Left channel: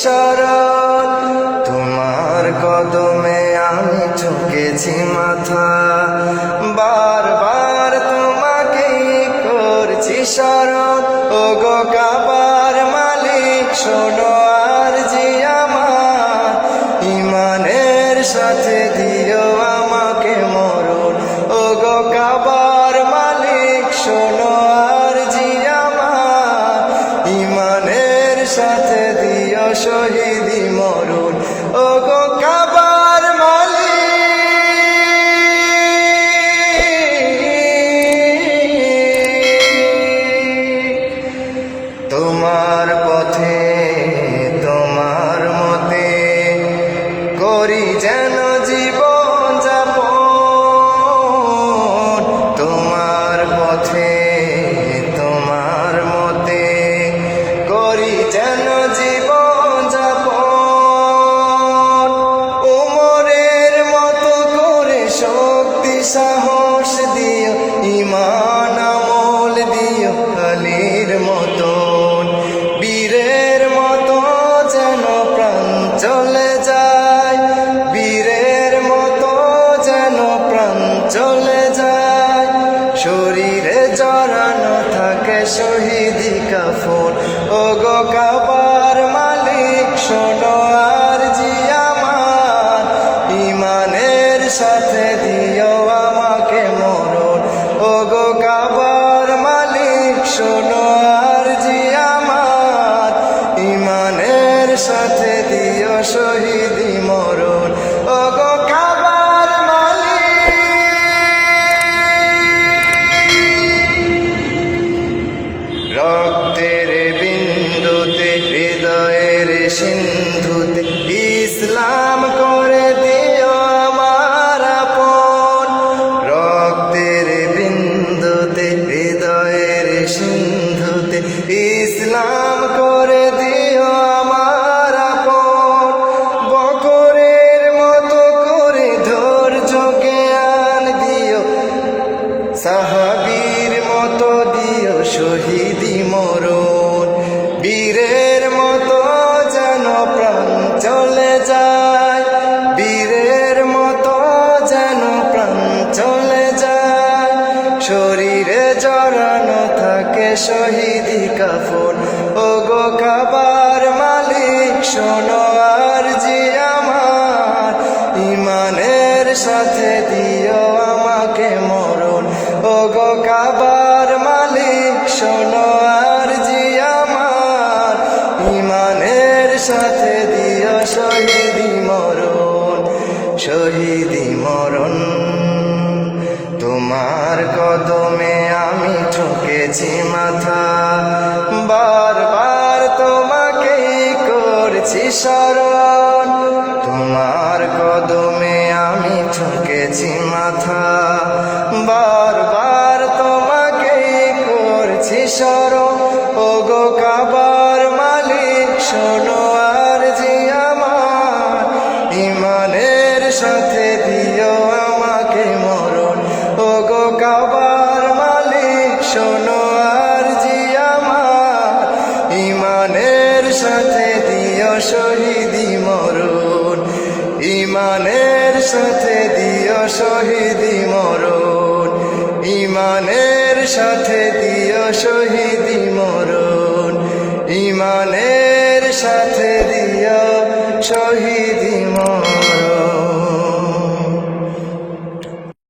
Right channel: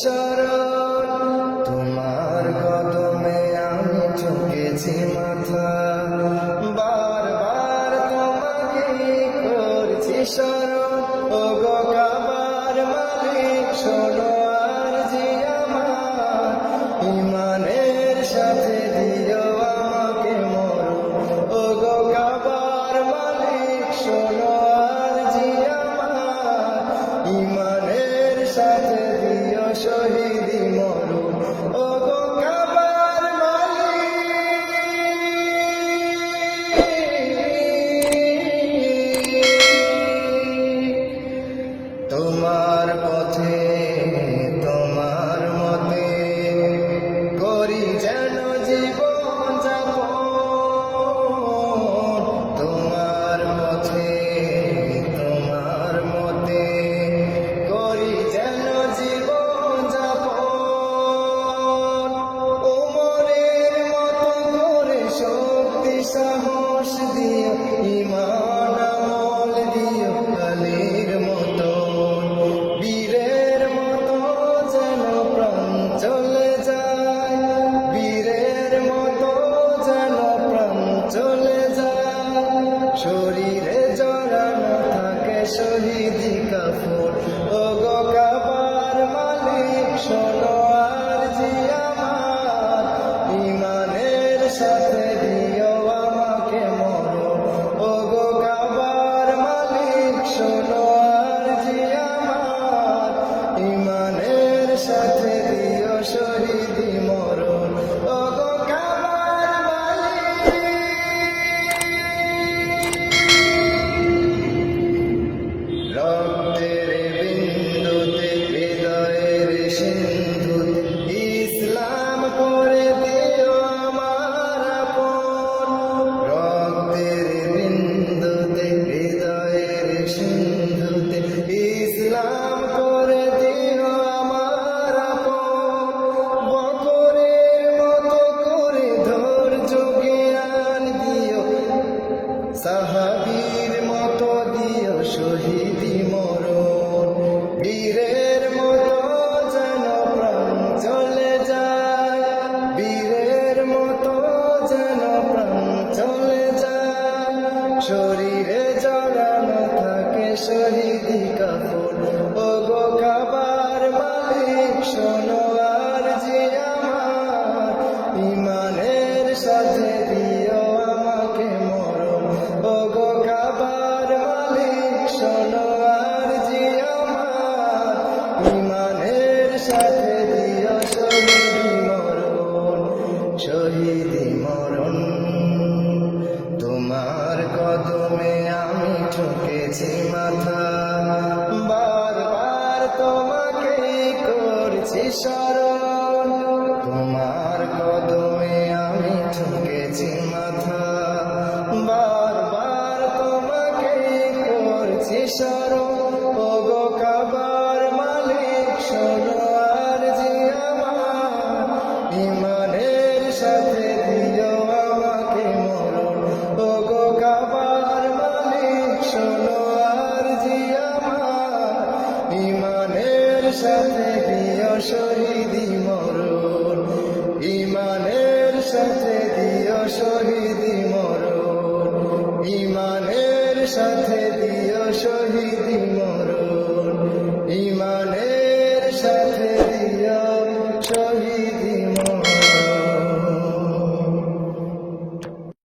শরণ। তোমার কদমে আমি ঝুঁকেছি মাথা, বারবার তোমাকেই করছি শরণ। ওগো কাবার মালিক শোনো আরজি আমার, ইমানের সাথে দিও আমাকে মরণ। ওগো কাবার মালিক শোনো আরজি আমার, ইমানের সাথে দিও শহীদি মরণ। ওগো কাবার মালিক, তোমার পথে তোমার মতে করি যেন জীবন যাপন। তোমার পথে তোমার মতে করি যেন জীবন যাপন। উমরের মতো করে শক্তি সাহস দিও, ঈমান আমল দিও আলীর মতন। বীরের মতো যেন প্রাণ চলে যায়, বীরের মতো যেন প্রাণ চলে যায়। শরীরে জড়ানো থাকে শহীদি কাফন। ওগো কাবার মালিক শোনো আরজি আমার, ইমানের সাথে দিও আমাকে মরণ। ওগো কাবার মালিক শোনো আরজি আমার, ইমানের সাথে দিও শহীদি মরণ। ওগো কাবার মালিক, রক্তের বিন্দুতে হৃদয়ের সিন্ধুতে ইসলাম করে দিও আমার আপন। রক্তের বিন্দুতে হৃদয়ের সিন্ধুতে ইসলাম করে দিও আমার আপন। বকরের মতো করে ধৈর্য জ্ঞান দিও, সাহাবীর মতো দিও শহীদি মরণ। বীরের মতো যেন প্রাণ চলে যায়, বীরের মতো যেন প্রাণ চলে যায়। শরীরে জড়ানো থাকে শহীদি কাফন। ওগো কাবার মালিক শোনো আরজি আমার, ইমানের সাথে দিও আমাকে মরণ। ওগো কাবার মালিক শোনো আরজি আমার, ইমানের সাথে দিও শহীদি মরণ, শহীদি মরণ। তোমার কদমে আমি ঠুকেছি মাথা, বারবার তোমাকেই করছি শরণ। তোমার কদমে আমি ঠুকেছি মাথা, বারবার তোমাকেই করছি শরণ। ওগো কাবার মালিক শোনো আরজি আমার, ইমানের সাথে দিও আমাকে মরণ। ওগো কাবার মালিক শোনো আরজি আমার, ইমানের সাথে দিও শহীদি মরণ, ইমানের সাথে দিও শহীদি মরণ, ইমানের সাথে দিও শহীদ